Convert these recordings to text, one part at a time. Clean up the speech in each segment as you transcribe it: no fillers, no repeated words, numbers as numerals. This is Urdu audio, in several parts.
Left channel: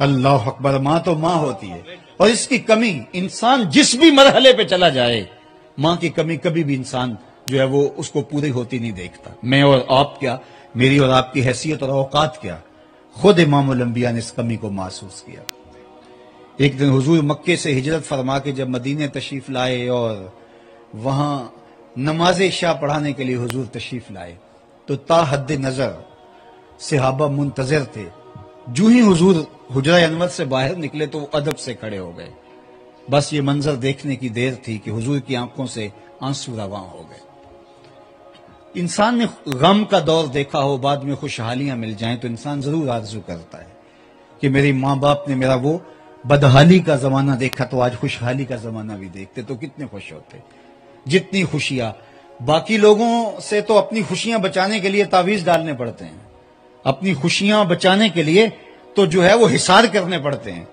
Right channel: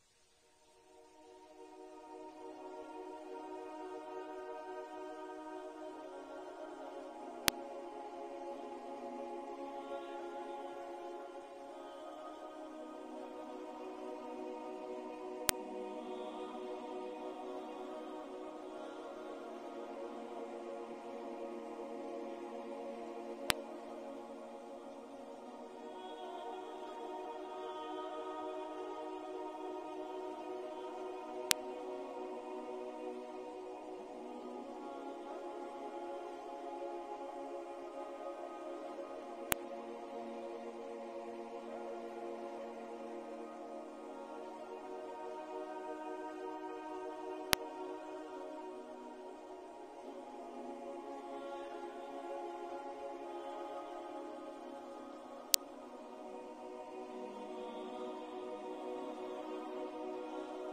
اللہ اکبر. ماں تو ماں ہوتی ہے اور اس کی کمی انسان جس بھی مرحلے پہ چلا جائے ماں کی کمی کبھی بھی انسان جو ہے وہ اس کو پوری ہوتی نہیں دیکھتا. میں اور آپ کیا، میری اور آپ کی حیثیت اور اوقات کیا، خود امام الانبیاء نے اس کمی کو محسوس کیا. ایک دن حضور مکے سے ہجرت فرما کے جب مدینے تشریف لائے اور وہاں نماز عشاء پڑھانے کے لیے حضور تشریف لائے تو تا حد نظر صحابہ منتظر تھے. جو ہی حضور حجرہ انور سے باہر نکلے تو وہ ادب سے کھڑے ہو گئے. بس یہ منظر دیکھنے کی دیر تھی کہ حضور کی آنکھوں سے آنسو رواں ہو گئے. انسان نے غم کا دور دیکھا ہو، بعد میں خوشحالیاں مل جائیں تو انسان ضرور آرزو کرتا ہے کہ میری ماں باپ نے میرا وہ بدحالی کا زمانہ دیکھا تو آج خوشحالی کا زمانہ بھی دیکھتے تو کتنے خوش ہوتے. جتنی خوشیاں باقی لوگوں سے تو اپنی خوشیاں بچانے کے لیے تعویذ ڈالنے پڑتے ہیں، اپنی خوشیاں بچانے کے لیے تو جو ہے وہ حصار کرنے پڑتے ہیں،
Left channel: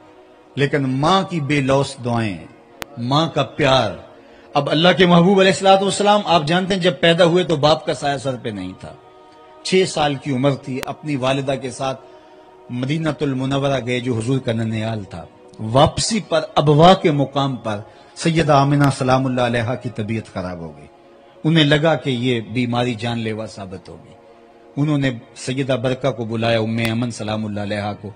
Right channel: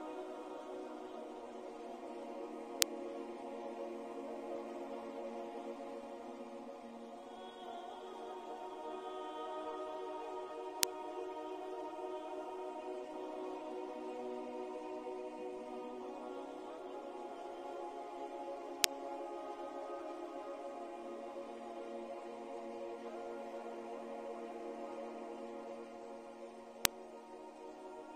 لیکن ماں کی بے لوث دعائیں، ماں کا پیار. اب اللہ کے محبوب علیہ الصلوۃ والسلام آپ جانتے ہیں جب پیدا ہوئے تو باپ کا سایہ سر پہ نہیں تھا. 6 سال کی عمر تھی، اپنی والدہ کے ساتھ مدینہ المنورہ گئے جو حضور کا ننیال تھا. واپسی پر ابوا کے مقام پر سیدہ آمنہ سلام اللہ علیہا کی طبیعت خراب ہو گئی. انہیں لگا کہ یہ بیماری جان لیوا ثابت ہوگی. انہوں نے سیدہ برکہ کو بلایا، ام ایمن سلام اللہ علیہا کو،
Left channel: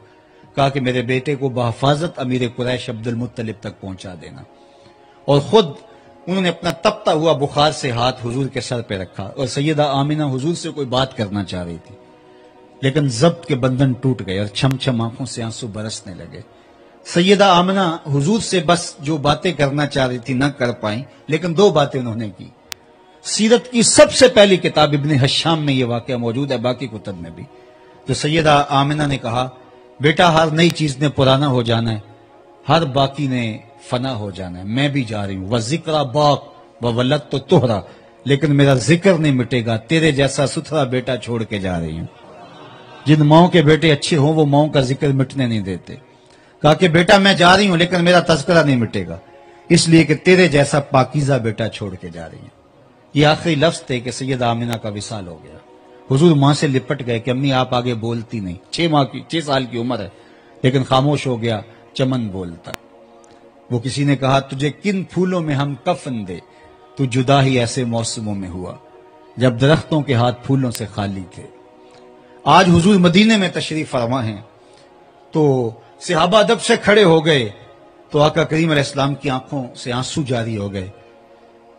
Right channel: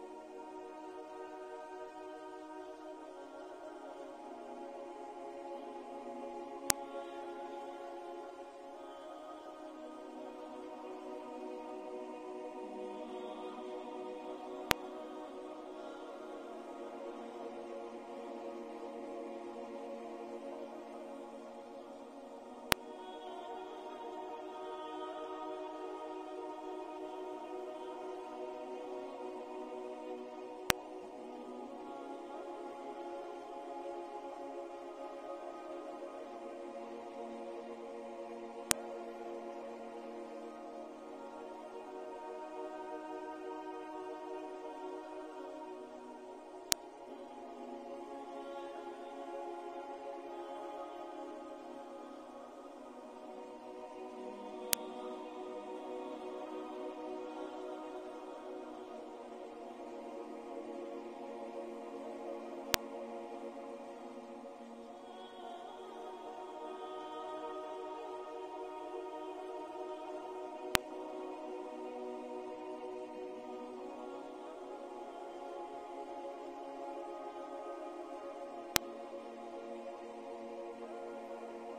کہا کہ میرے بیٹے کو بحفاظت امیر قریش عبد المطلب تک پہنچا دینا. اور خود انہوں نے اپنا تپتا ہوا بخار سے ہاتھ حضور کے سر پہ رکھا اور سیدہ آمنہ حضور سے کوئی بات کرنا چاہ رہی تھی لیکن ضبط کے بندھن ٹوٹ گئے اور چھم چھم آنکھوں سے آنسو برسنے لگے. سیدہ آمنہ حضور سے بس جو باتیں کرنا چاہ رہی تھی نہ کر پائیں، لیکن 2 باتیں انہوں نے کی. سیرت کی سب سے پہلی کتاب ابن حشام میں یہ واقعہ موجود ہے، باقی کتب میں بھی. تو سیدہ آمنہ نے کہا بیٹا ہر نئی چیز نے پرانا ہو جانا ہے، ہر باقی نے فنا ہو جانا ہے. میں بھی جا رہی ہوں، وَذِكْرَ باق وَوَلَدْتُ تُہْرَا، لیکن میرا ذکر نہیں مٹے گا. تیرے جیسا ستھرا بیٹا چھوڑ کے جا رہی ہوں. جن ماؤں کے بیٹے اچھے ہوں وہ ماؤں کا ذکر مٹنے نہیں دیتے. کہا کہ بیٹا میں جا رہی ہوں لیکن میرا تذکرہ نہیں مٹے گا، اس لیے کہ تیرے جیسا پاکیزہ بیٹا چھوڑ کے جا رہی ہوں. یہ آخری لفظ تھے کہ سیدہ آمنہ کا وصال ہو گیا. حضور ماں سے لپٹ گئے کہ امی آپ آگے بولتی نہیں. 6 سال کی عمر ہے لیکن خاموش ہو گیا، چمن بولتا. وہ کسی نے کہا تجھے کن پھولوں میں ہم کفن دے، تو جدا ہی ایسے موسموں میں ہوا جب درختوں کے ہاتھ پھولوں سے خالی تھے. آج حضور مدینے میں تشریف فرما ہیں تو صحابہ ادب سے کھڑے ہو گئے تو آقا کریم علیہ السلام کی آنکھوں سے آنسو جاری ہو گئے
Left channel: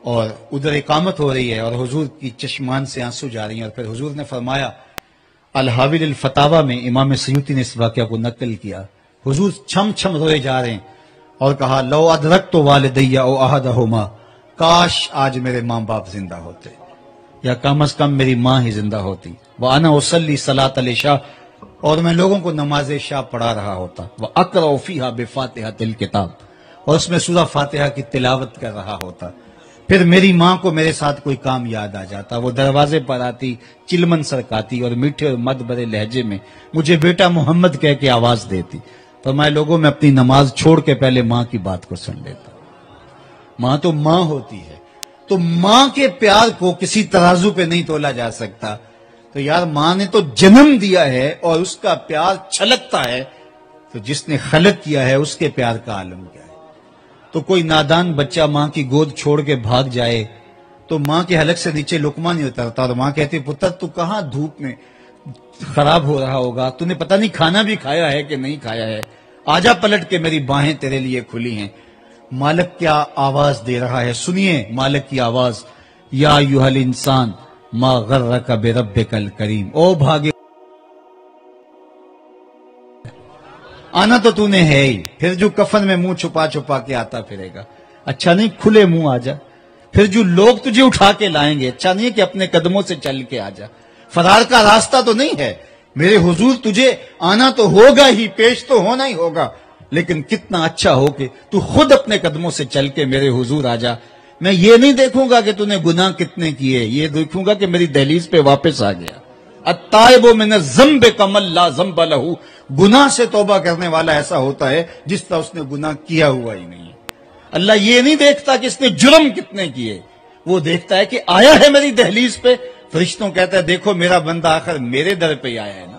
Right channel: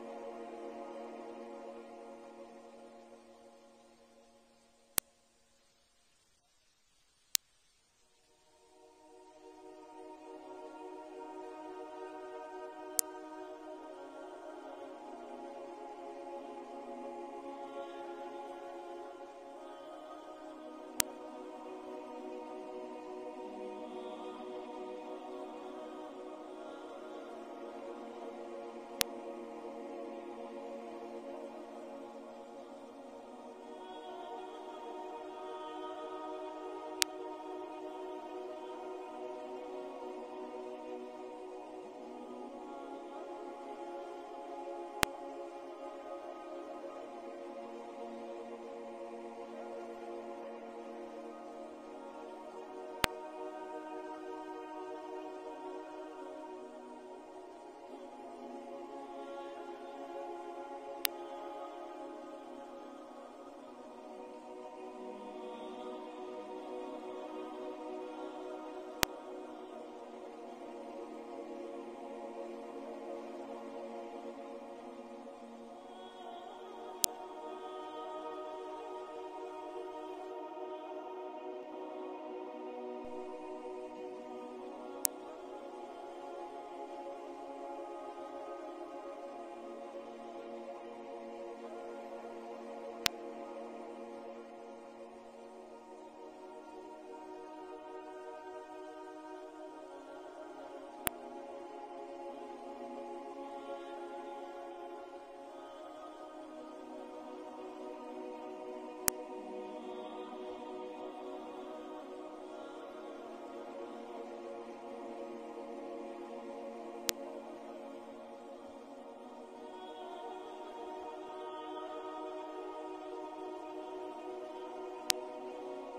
اور ادھر اقامت ہو رہی ہے اور حضور کی چشمان سے آنسو جاری ہیں. اور پھر حضور نے فرمایا، الحاوی الفتاوی میں امام سیوطی نے اس واقعہ کو نقل کیا، حضور چھم چھم روئے جا رہے ہیں اور کہا لو ادرکت والدی او احدہما، کاش آج میرے ماں باپ زندہ ہوتے یا کم از کم میری ماں ہی زندہ ہوتی. وانا اصلی صلاۃ العشاء، اور میں لوگوں کو نماز عشاء پڑھا رہا ہوتا. واقرأ فیہا بفاتحۃ الکتاب، اور اس میں سورہ فاتحہ کی تلاوت کر رہا ہوتا. پھر میری ماں کو میرے ساتھ کوئی کام یاد آ جاتا، وہ دروازے پر آتی، چلمن سرکاتی اور میٹھے اور مد بھرے لہجے میں مجھے بیٹا محمد کہہ کے آواز دیتی. فرمایا لوگوں میں اپنی نماز چھوڑ کے پہلے ماں کی بات کو سن لیتا. ماں تو ماں ہوتی ہے، تو ماں کے پیار کو کسی ترازو پہ نہیں تولا جا سکتا. تو یار ماں نے تو جنم دیا ہے اور اس کا پیار چھلکتا ہے، تو جس نے خلق کیا ہے اس کے پیار کا عالم کیا ہے. تو کوئی نادان بچہ ماں کی گود چھوڑ کے بھاگ جائے تو ماں کے حلق سے نیچے لقمہ نہیں اترتا اور ماں کہتی پتر تو کہاں دھوپ میں خراب ہو رہا ہوگا، تو نے پتہ نہیں کھانا بھی کھایا ہے کہ نہیں کھایا ہے، آجا پلٹ کے میری باہیں تیرے لیے کھلی ہیں. مالک کیا آواز دے رہا ہے، سنیے مالک کی آواز، یا ایھا الانسان ما غرک بربک الکریم، او بھاگے آنا تو نے ہے ہی، پھر جو کفن میں منہ چھپا چھپا کے آتا پھرے گا، اچھا نہیں کھلے منہ آ جا. پھر جو لوگ تجھے اٹھا کے لائیں گے، اچھا نہیں ہے کہ اپنے قدموں سے چل کے آ جا. فرار کا راستہ تو نہیں ہے، میرے حضور تجھے آنا تو ہوگا ہی، پیش تو ہونا ہی ہوگا، لیکن کتنا اچھا ہو کہ تو خود اپنے قدموں سے چل کے میرے حضور آ جا. میں یہ نہیں دیکھوں گا کہ تو نے گناہ کتنے کیے، یہ دیکھوں گا کہ میری دہلیز پہ واپس آ گیا. التائب من الذنب کمن لا ذنب لہ، گناہ سے توبہ کرنے والا ایسا ہوتا ہے جس طرح اس نے گناہ کیا ہوا ہی نہیں. اللہ یہ نہیں دیکھتا کہ اس نے جرم کتنے کیے، وہ دیکھتا ہے کہ آیا ہے میری دہلیز پہ. فرشتوں کہتا ہے دیکھو میرا بندہ آخر میرے در پہ آیا ہے نا،